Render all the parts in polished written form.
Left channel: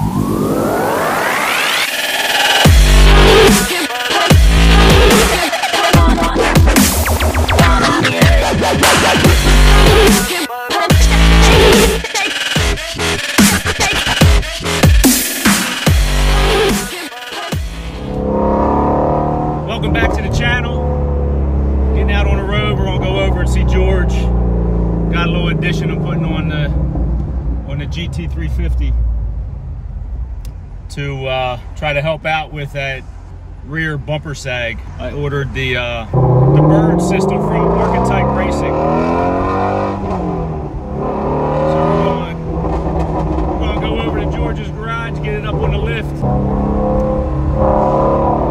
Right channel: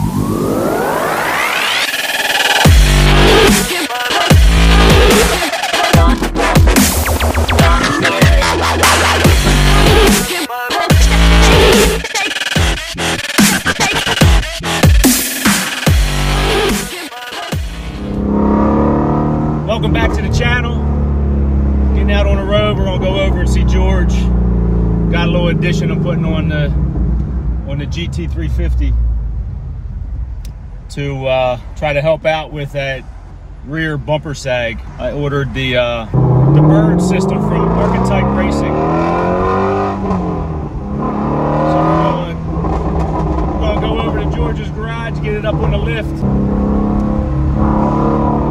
Welcome back to the channel. Getting out on the road, we're gonna go over and see George. Got a little addition I'm putting on the GT350 to try to help out with that rear bumper sag. I ordered the BiRDS system from Archetype Racing. So we're gonna go over to George's garage, get it up on the lift.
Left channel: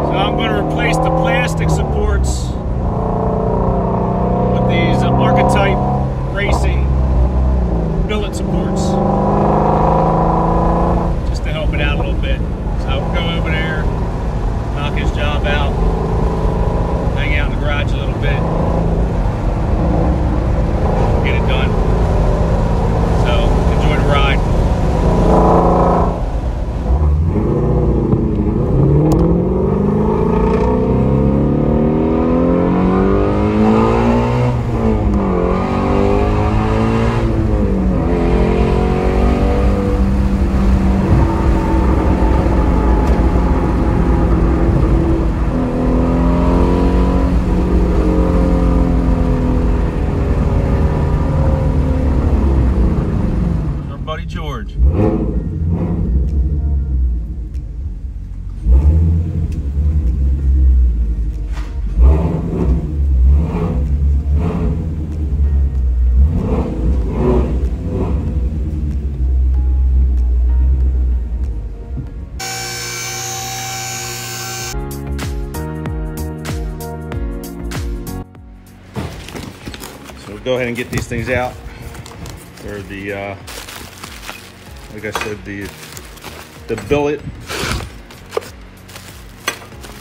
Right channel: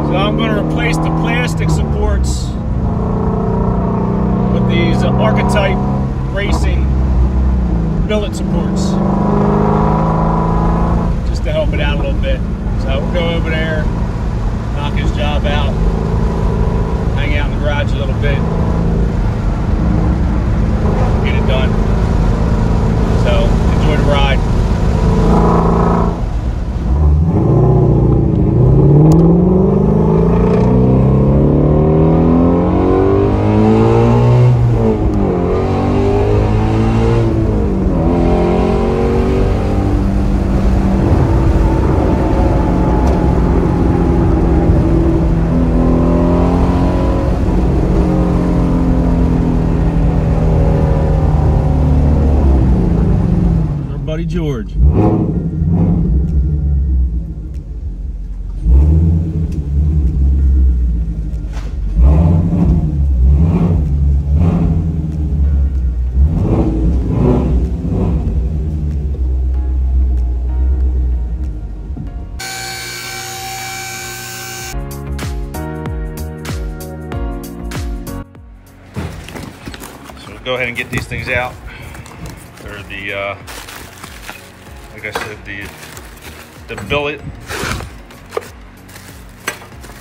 So I'm going to replace the plastic supports with these Archetype Racing billet supports, just to help it out a little bit. So we'll go over there, knock his job out, hang out in the garage a little bit, get it done. So enjoy the ride. George. So we'll go ahead and get these things out. They're the like I said, the billet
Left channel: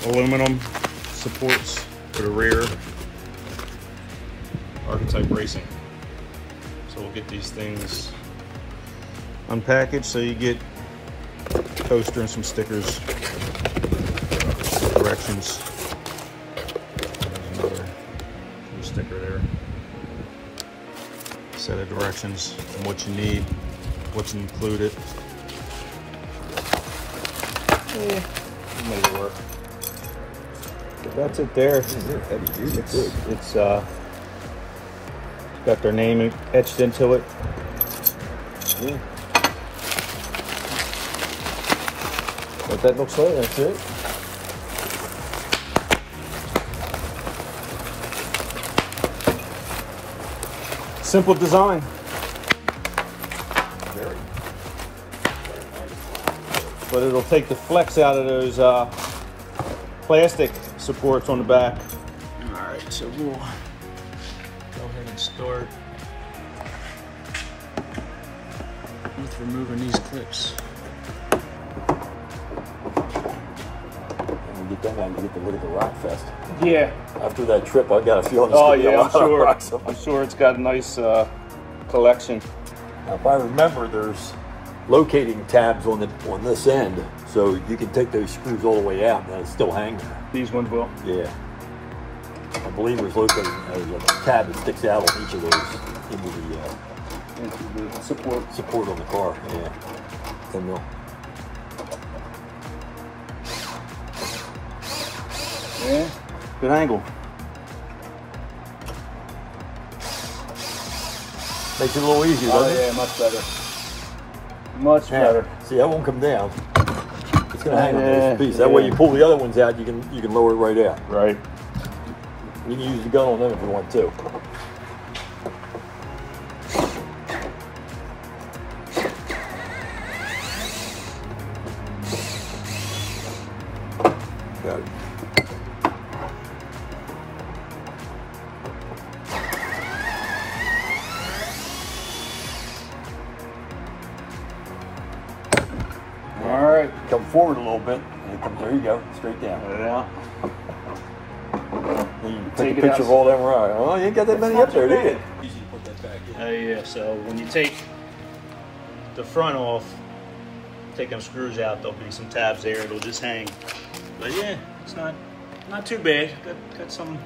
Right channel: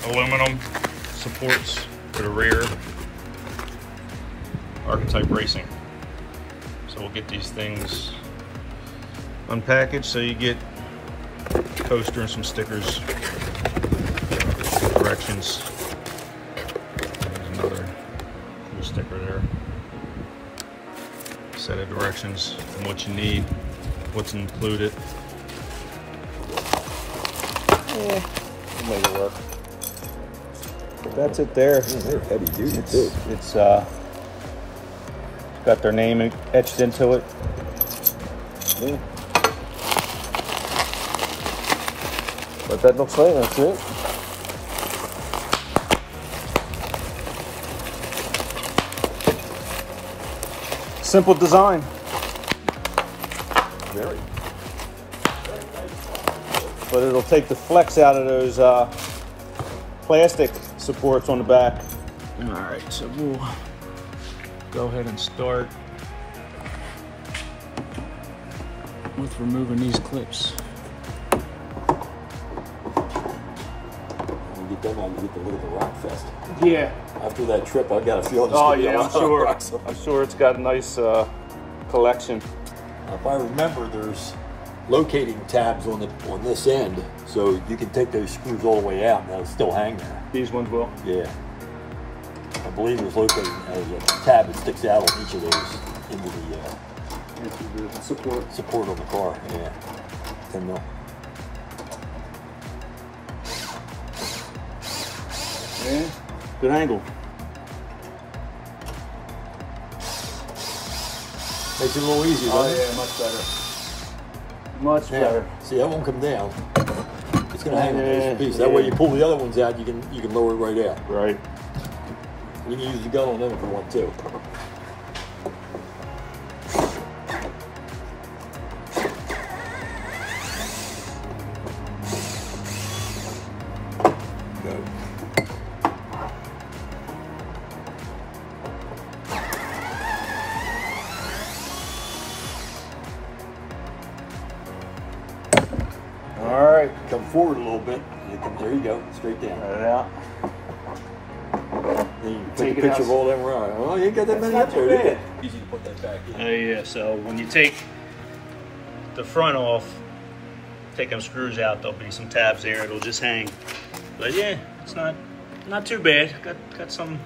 aluminum supports for the rear, Archetype Racing. So we'll get these things unpackaged. So you get a poster and some stickers, directions. There's another little sticker there. Set of directions and what you need. What's included. Yeah, we'll make it work. But that's it there. It's got their name etched into it. Yeah. What that looks like, that's it. Simple design. But it'll take the flex out of those plastic supports on the back. All right, so we'll go ahead and start with removing these clips. When you get them out, you get the little rock fest. Yeah. After that trip, I got a feeling. Oh yeah, I'm sure. I'm sure it's got a nice collection. Now, if I remember, there's locating tabs on this end, so you can take those screws all the way out and they'll still hang there. These ones will? Yeah. I believe there's locating a tab that sticks out on each of those into the support on the car. Yeah. 10 mil. Yeah. Good angle. Makes it a little easier, doesn't it? Yeah, much better. Much better. See, that won't come down. It's going to hang on this piece. That way, you pull the other ones out, you can lower it right out. Right. You can use the gun on them if you want to. Got it. All right. Come forward a little bit. And it comes, there you go, straight down. Let it out. Then you take a picture of all them right. Oh, you ain't got that many up there, did you? Easy to put that back in. Oh yeah, so when you take the front off, take them screws out, there'll be some tabs there. It'll just hang. But yeah, it's not too bad. Got some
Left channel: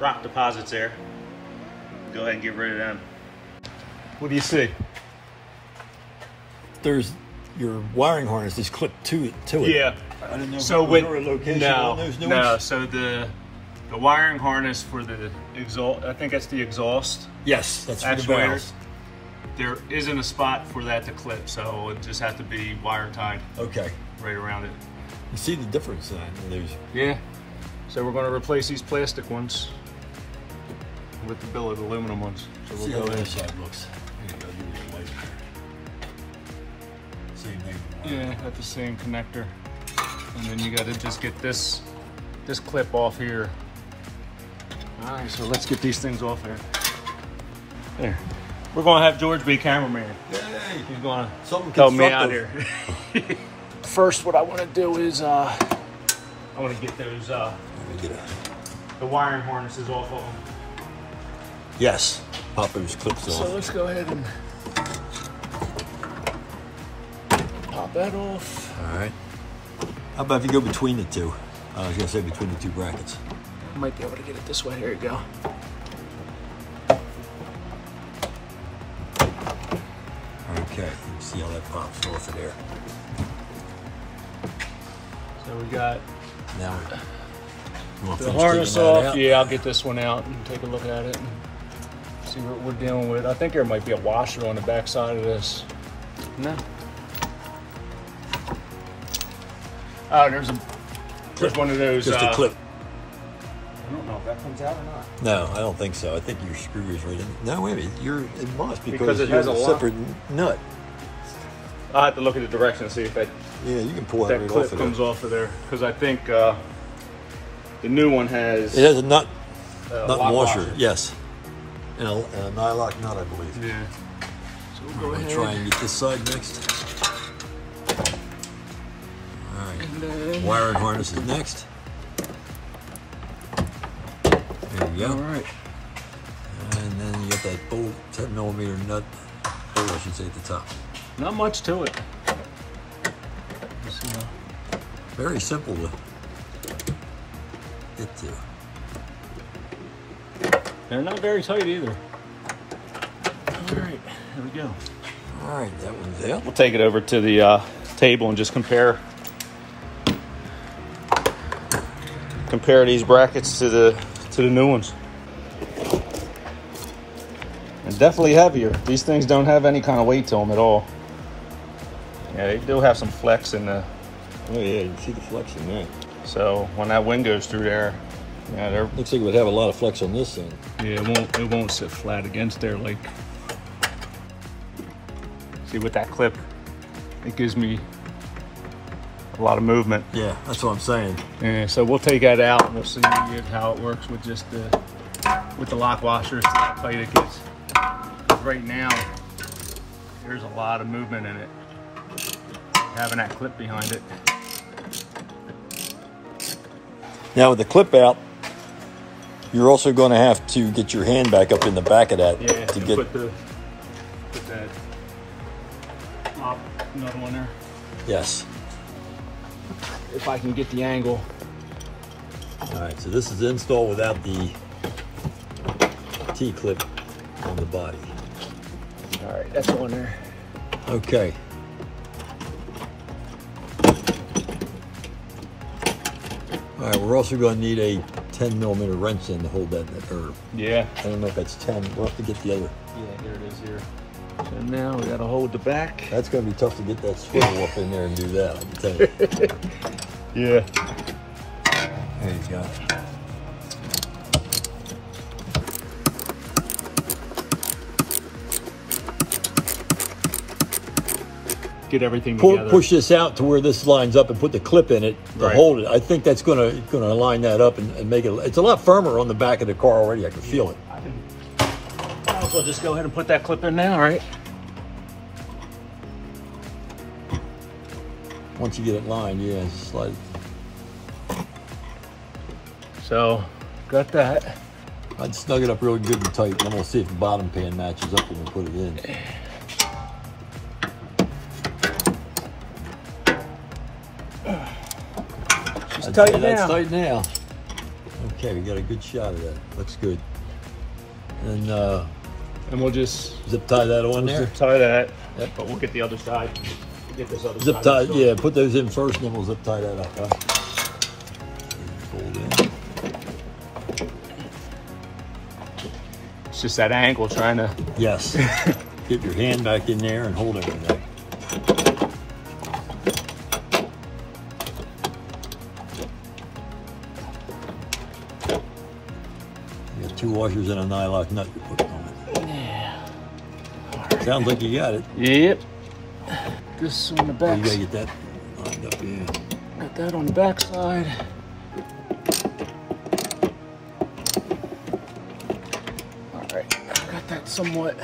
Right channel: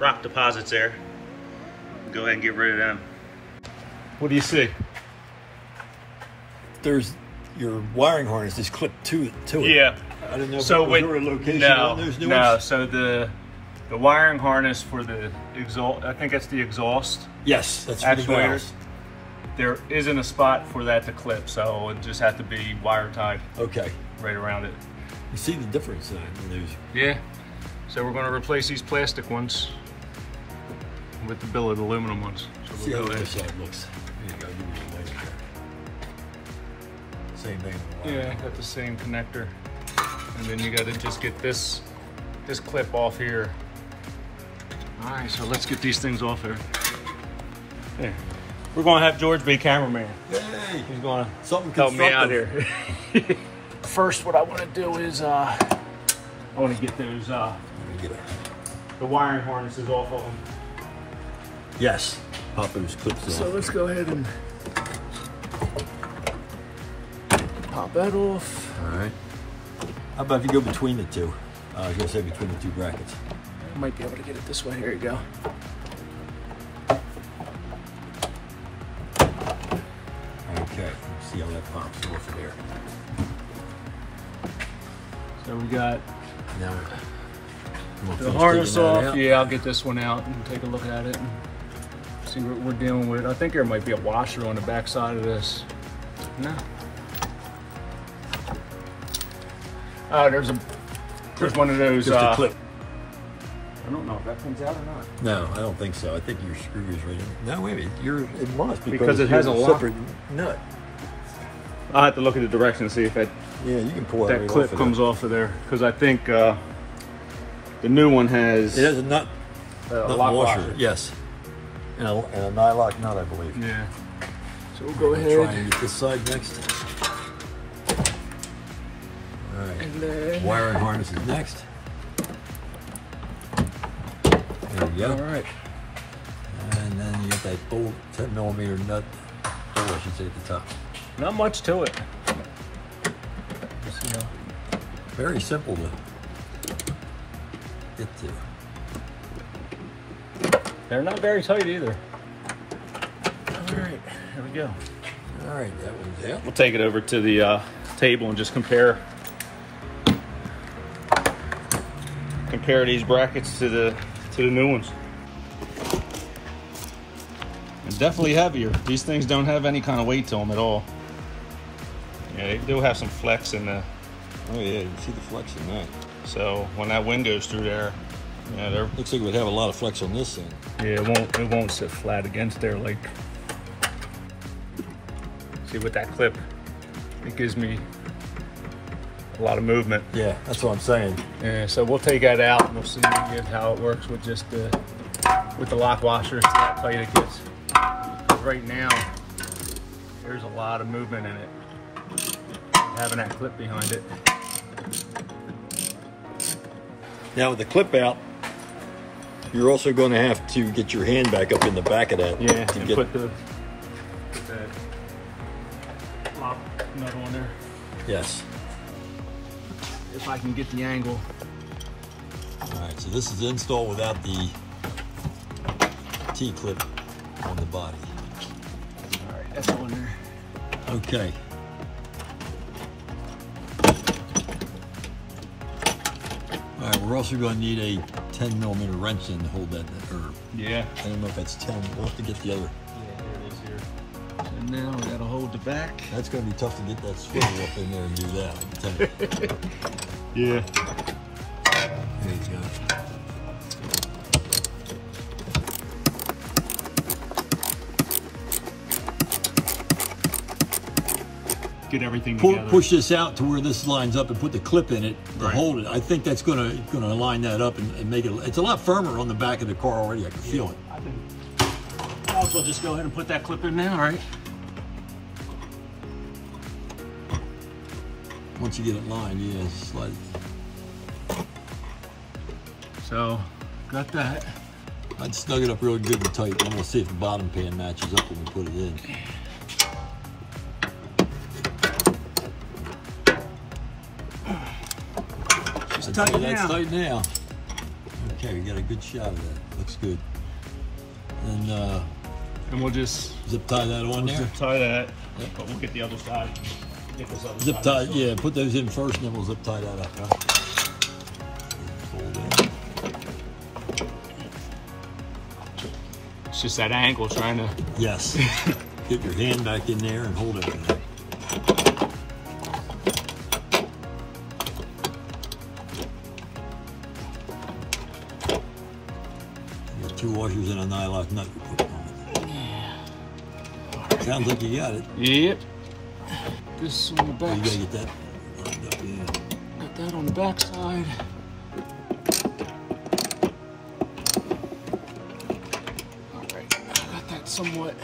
rock deposits there. Go ahead and get rid of them. What do you see? There's your wiring harness is clipped to it. Yeah. I didn't know So if with a location no. So the wiring harness for the exhaust, I think that's the exhaust. Yes, that's actuators. There isn't a spot for that to clip, so it just has to be wire tied. Okay. Right around it. You see the difference then? Yeah. So we're going to replace these plastic ones with the billet aluminum ones. So we'll see go how in. this side looks. Same thing. Yeah, got the same connector. And then you got to just get this clip off here. All right, so let's get these things off there. There. We're going to have George be cameraman. Yay! He's going to help me out here. First, what I want to do is I want to get those the wiring harnesses off of them. Yes. Pop those clips off. So let's go ahead and pop that off. All right. How about if you go between the two? I was going to say between the two brackets. I might be able to get it this way. Here you go. Okay. See how that pops off of there. So we got now the harness off. Yeah, I'll get this one out and take a look at it and see what we're dealing with. I think there might be a washer on the back side of this. No. Oh, there's one of those. Just a clip. I don't know if that comes out or not. No, I don't think so. I think your screw is right in. No, wait a minute. It must because it has has a a separate nut. I'll have to look at the direction and see if it. Yeah, you can pull that right clip off of comes there. off of there because I think the new one has. It has a nut washer. Yes, and a nylock nut, I believe. Yeah. So we'll go ahead. Try and get this side next. All right. And then wiring harness is next. There we go. All right. And then you got that old 10mm nut hole, I should say, at the top. Not much to it. Just, you know. Very simple to get to. They're not very tight either. All right, here we go. All right, that one's out. We'll take it over to the table and just compare these brackets to the new ones. And definitely heavier. These things don't have any kind of weight to them at all. Yeah, they do have some flex in the. Oh yeah, you see the flex in that. So when that wind goes through there, yeah, they're. Looks like it would have a lot of flex on this thing. Yeah, it won't sit flat against there like. See, with that clip, it gives me a lot of movement. Yeah, that's what I'm saying. Yeah, so we'll take that out and we'll see how it works with just with the lock washer. See how tight it gets. Right now, there's a lot of movement in it. Having that clip behind it. Now with the clip out, you're also going to have to get your hand back up in the back of that to get. Put the top nut on there. Yes. If I can get the angle. All right, so this is installed without the T-clip on the body. All right, that's on there. Okay. All right, we're also going to need a 10mm wrench in to hold that, or yeah. I don't know if that's 10. We'll have to get the other. Yeah, here it is here. So now we got to hold the back. That's going to be tough to get that swivel up in there and do that, I can tell you. Yeah. There you go. Get everything together. Push this out to where this lines up and put the clip in it to hold it. I think that's gonna line that up and make it. It's a lot firmer on the back of the car already. I can feel it. I'll also just go ahead and put that clip in now. All right. Once you get it lined, yeah, it's slide. So, got that. I'd snug it up really good and tight. I'm gonna see if the bottom pan matches up when we put it in. tight now. That's tight now. Okay, we got a good shot of that. Looks good. And we'll just zip tie that on there. Zip tie that. Yep. But we'll get the other side. Get this other zip side. tie, yeah. Put those in first, and then we'll zip tie that up. Huh? Fold in. It's just that angle trying to. Yes. Get your hand back in there and hold everything. You got 2 washers and a nylock nut you put on it. Yeah. Sounds like you got it. Yep. This on the back. You gotta get that lined up, yeah. Got that on the back side. Alright, I got that somewhat.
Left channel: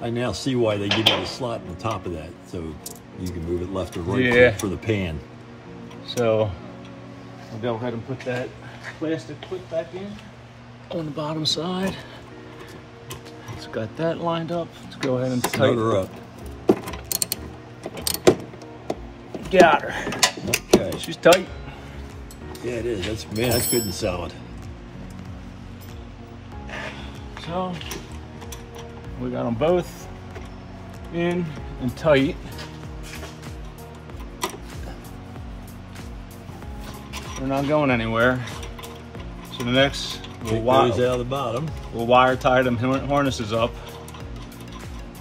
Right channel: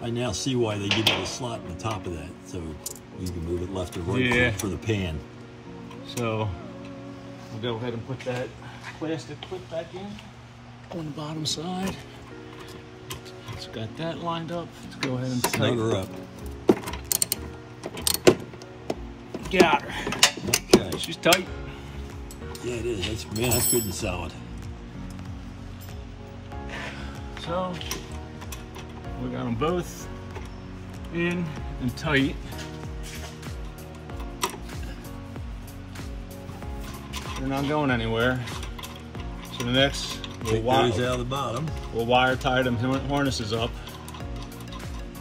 I now see why they give you a slot in the top of that, so you can move it left or right Yeah. for the pan. So we'll go ahead and put that plastic clip back in on the bottom side. It's got that lined up. Let's go ahead and Snug her up. Got her. Okay. She's tight. Yeah, it is. That's good and solid. So we got them both in and tight. They're not going anywhere. So the next, It goes out of the bottom. We'll wire tie them harnesses up,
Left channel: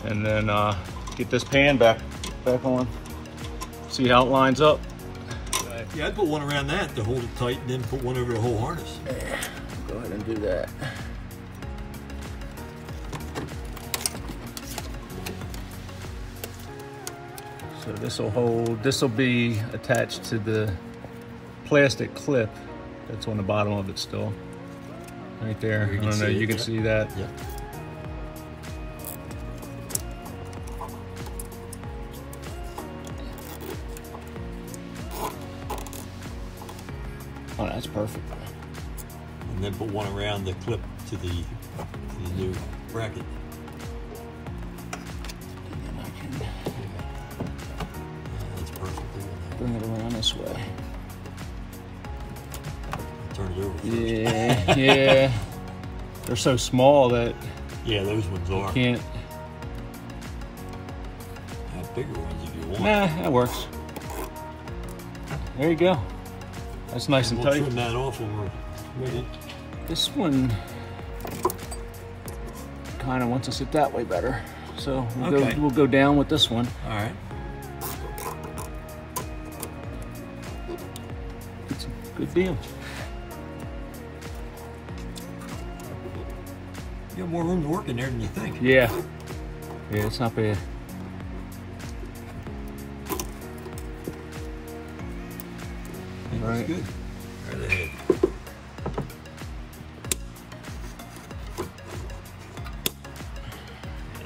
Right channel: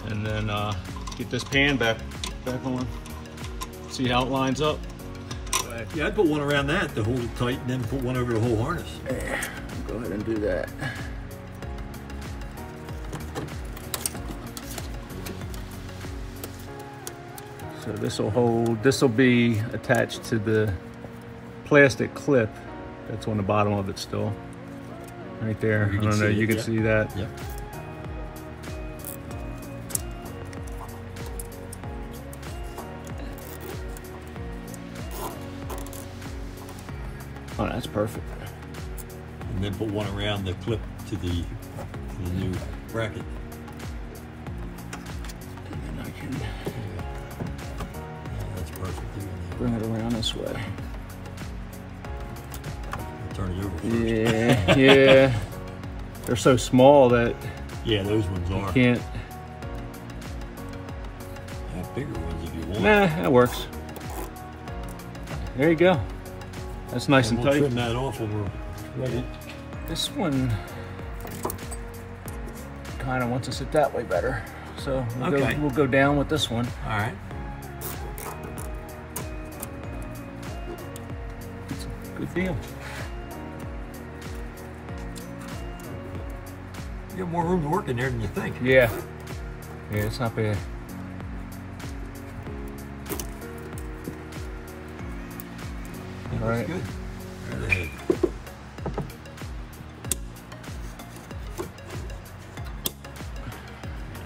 and then get this pan back on. See how it lines up. Yeah, I'd put one around that to hold it tight, and then put one over the whole harness. Yeah, go ahead and do that. So this will hold. This will be attached to the plastic clip that's on the bottom of it still. Right there. I don't know. You can see that. Yeah. Oh, that's perfect. And then put one around the clip to the new bracket. And I can That's perfect. bring it around this way. Turn it over. Yeah, yeah. They're so small that Yeah, those ones are. can't. Have bigger ones if you want. Nah, that works. There you go. That's nice and we'll tight. Trim that off when we're ready. This one kind of wants to sit that way better. So we'll go down with this one. All right. It's a good deal. You have more room to work in there than you think. Yeah. Yeah, it's not bad. All right. Good. Right ahead.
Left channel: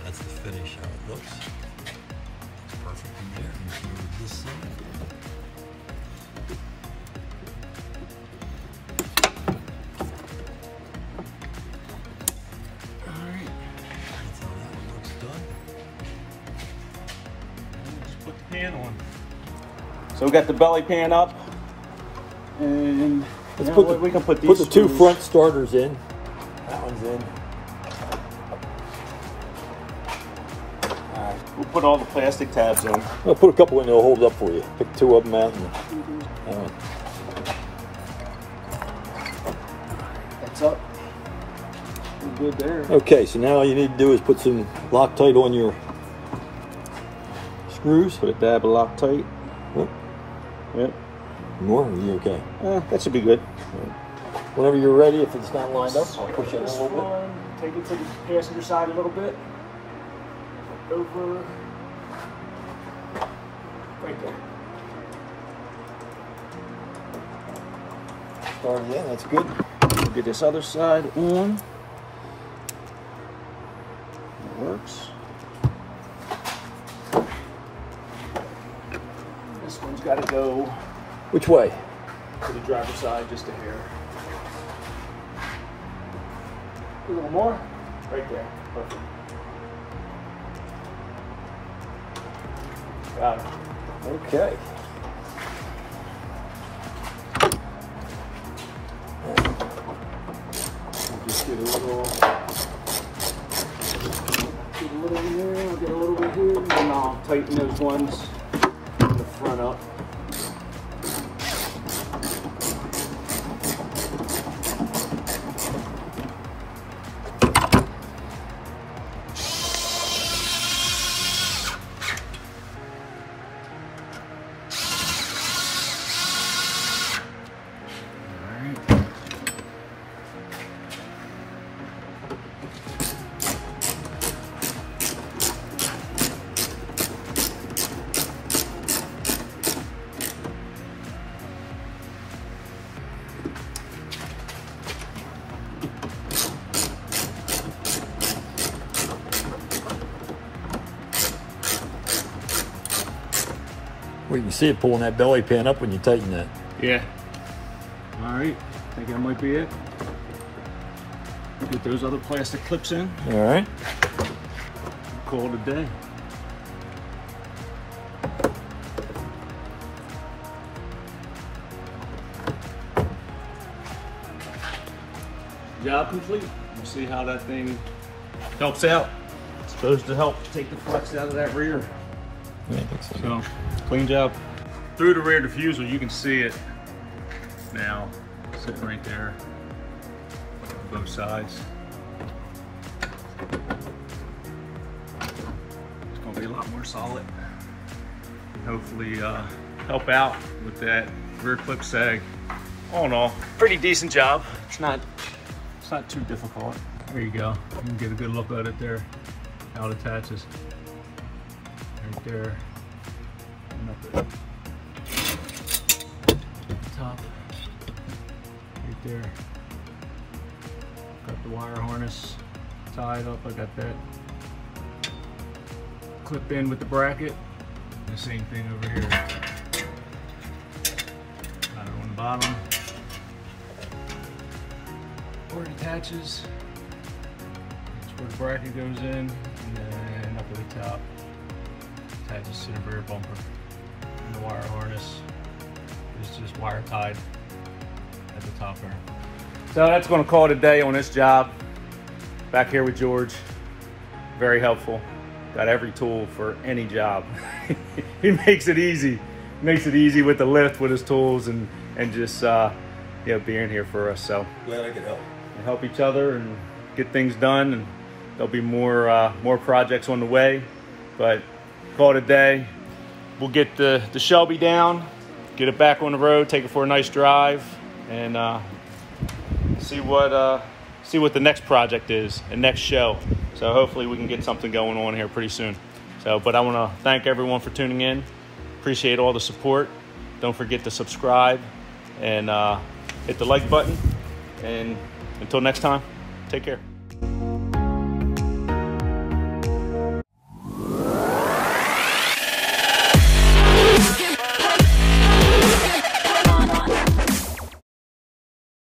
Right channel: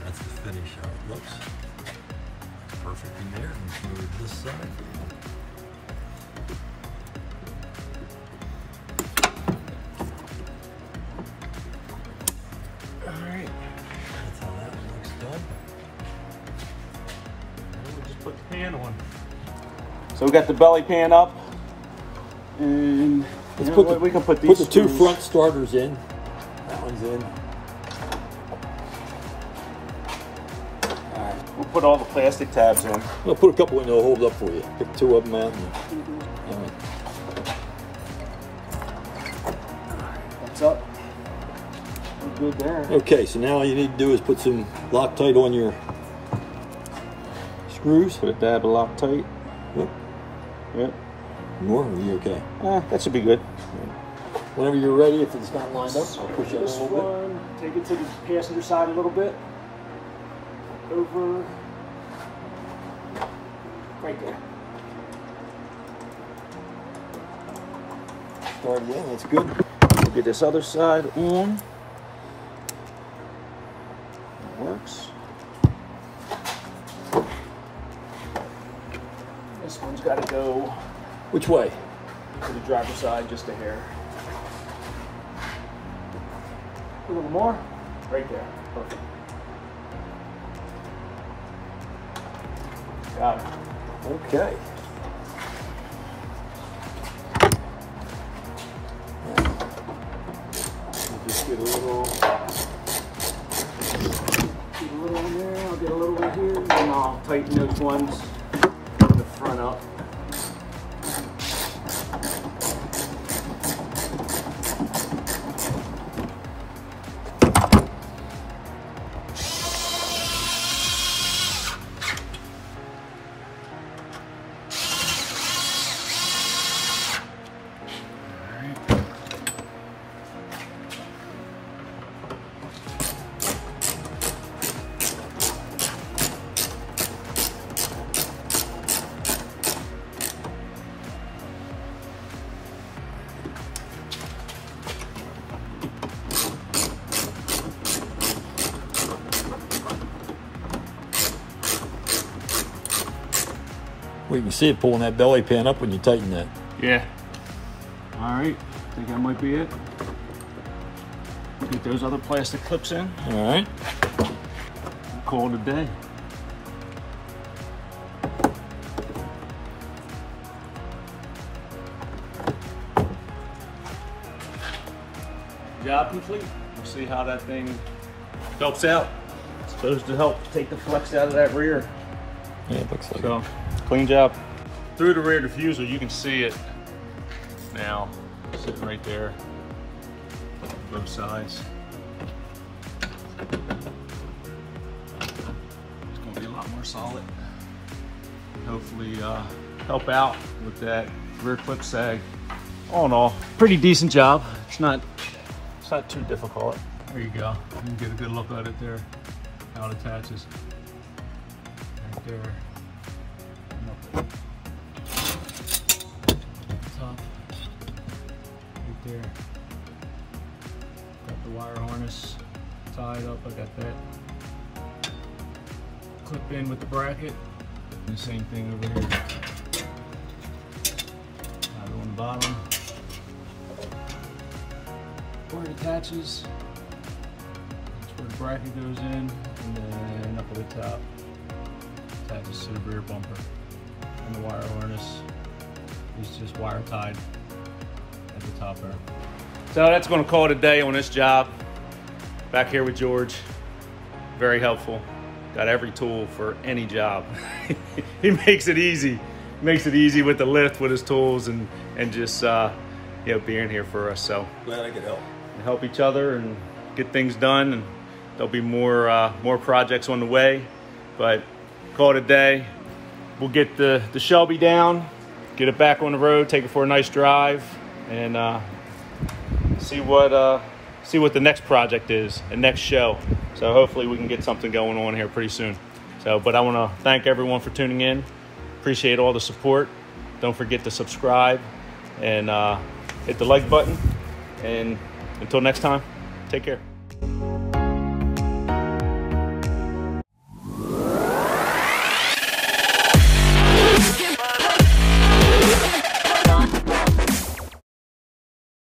That's the finish, how it looks. Perfect in there. Let's move this side. All right. That's how that one looks done. And we'll just put the pan on. So we got the belly pan up. And we can put these. Put the 2 screws. front starters in. That one's in. Alright, we'll put all the plastic tabs in. I'll put a couple in, they'll hold it up for you. Pick 2 of them out. And that one. That's up. We're good there. Okay, so now all you need to do is put some Loctite on your screws. Put a dab of Loctite. Yep. Yep. More? Are you okay? That should be good. Whenever you're ready, if it's not lined up, I'll push it a This little bit. one, take it to the passenger side a little bit. Over. Right there. Start again, that's good. We'll get this other side on. That works. This one's got to go Which way? to the driver's side just a hair. A little more. Right there. Perfect. Got it. Okay. Get a little in there, I'll get a little bit here, and then I'll tighten those ones in the front up. Well, you can see it pulling that belly pin up when you tighten that. Yeah. All right, I think that might be it. Get those other plastic clips in. All right. Call it a day. Job complete. We'll see how that thing helps out. It's supposed to help take the flex out of that rear. Yeah, it looks like So, clean job. Through the rear diffuser, you can see it now, sitting right there, on both sides. It's gonna be a lot more solid. Hopefully help out with that rear clip sag. All in all, pretty decent job. It's not too difficult. There you go. You can get a good look at it there, how it attaches. Right there. Top. Right there. Got the wire harness tied up. I got that clipped in with the bracket. And the same thing over here. Got it on the bottom. Where it attaches. That's where the bracket goes in. And then up at the top. Attaches to the rear bumper. And the wire harness is just wire tied at the top there. So that's going to call it a day on this job. Back here with George. Very helpful. Got every tool for any job. He makes it easy. Makes it easy with the lift, with his tools, and just you know, being here for us. So glad I could help. We help each other and get things done, and there'll be more projects on the way. But call it a day. We'll get the Shelby down, get it back on the road, take it for a nice drive, and see what the next project is and next show. So hopefully we can get something going on here pretty soon. So, but I want to thank everyone for tuning in. Appreciate all the support. Don't forget to subscribe and hit the like button. And until next time, take care.